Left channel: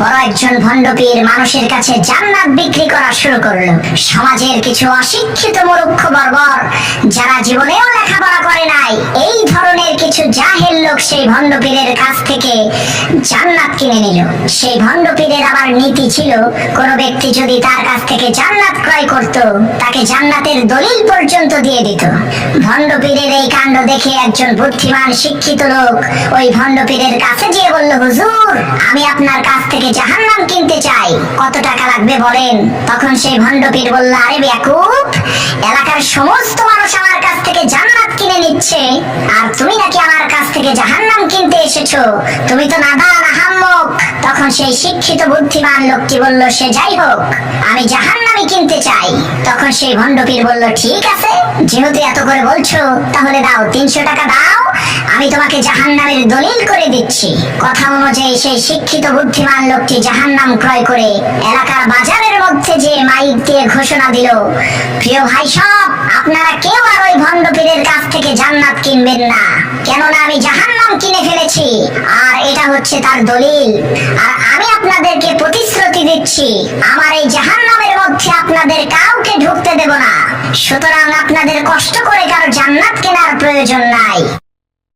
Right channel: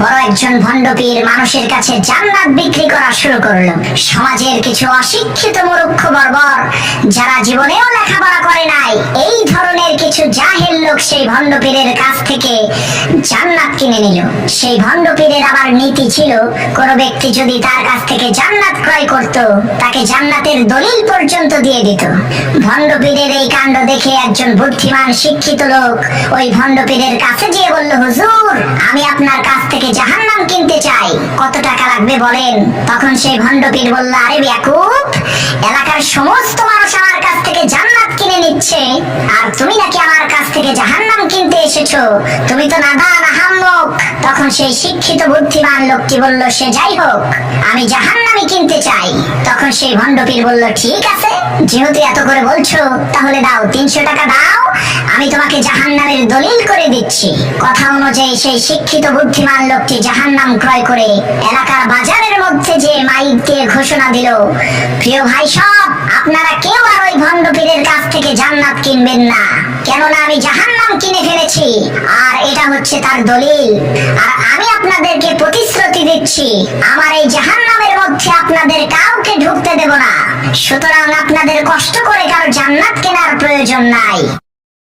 বড় একজন ভণ্ডপীর মানুষের কাছে জান্নাত বিক্রি করা শুরু করলো। সমাজের কিছু অশিক্ষিত মূর্খ বর্বর যারা জীবনেও লেখাপড়া করে নাই, এই ধরনের কিছু জাহেল লোক সেই ভণ্ডপীরের কাছ থেকে জান্নাত কিনে নিল। সেই ভণ্ডপীরের আবার নীতি ছিল, কোন ব্যক্তি যদি তার কাছ থেকে জান্নাত ক্রয় করত, তাকে জান্নাতের দলিল পর্যন্ত দিয়ে দিত। ভণ্ডপীরের এই কাণ্ড দেখে একজন বুদ্ধিমান শিক্ষিত লোক ওই ভণ্ডপীরের কাছে গিয়ে বলল, হুজুর, আমি আপনার কাছ থেকে জাহান্নাম কিনতে চাই, কত টাকা লাগবে বলেন। তখন সেই ভণ্ডপীর বলল, আরে বেয়াকুব, এলাকার সমস্ত মানুষ আমার কাছ থেকে জান্নাত কিনে নিচ্ছে, আর তুমি নাকি আমার কাছ থেকে জাহান্নাম কিনতে এসেছো, তুমি তো নাদান আহাম্মক। তখন সেই শিক্ষিত বুদ্ধিমান লোকটি বলল, সে যাই হোক, আমি জাহান্নামই কিনতে চাই। তখন সেই ভণ্ডপীর বলল, ঠিক আছে, যেহেতু এত করে বলছো, তাহলে দাও, 300 টাকা দাও, আমি তোমাকে জাহান্নামের দলিল করে দিচ্ছি। কথা অনুযায়ী সেই শিক্ষিত বুদ্ধিমান লোকটি জাহান্নাম ক্রয় করে এলাকার বাজারের মধ্যে যে মাইক দিয়ে ঘোষণা দিল, প্রিয় ভাই সব, আপনারা কেউ আর ওই ভণ্ডপীরের কাছ থেকে জান্নাত কিনবেন না, কেননা আমি জাহান্নাম কিনে ফেলেছি, আর এটা হচ্ছে তার দলিল। আর আমি আপনাদেরকে প্রতিশ্রুতি দিচ্ছি, আমার এই জাহান্নামের মধ্যে আপনাদের কাউকে ঢুকতে দেব না, সুতরাং আপনাদের কষ্ট করে কারো জান্নাত কেনার প্রয়োজন নাই।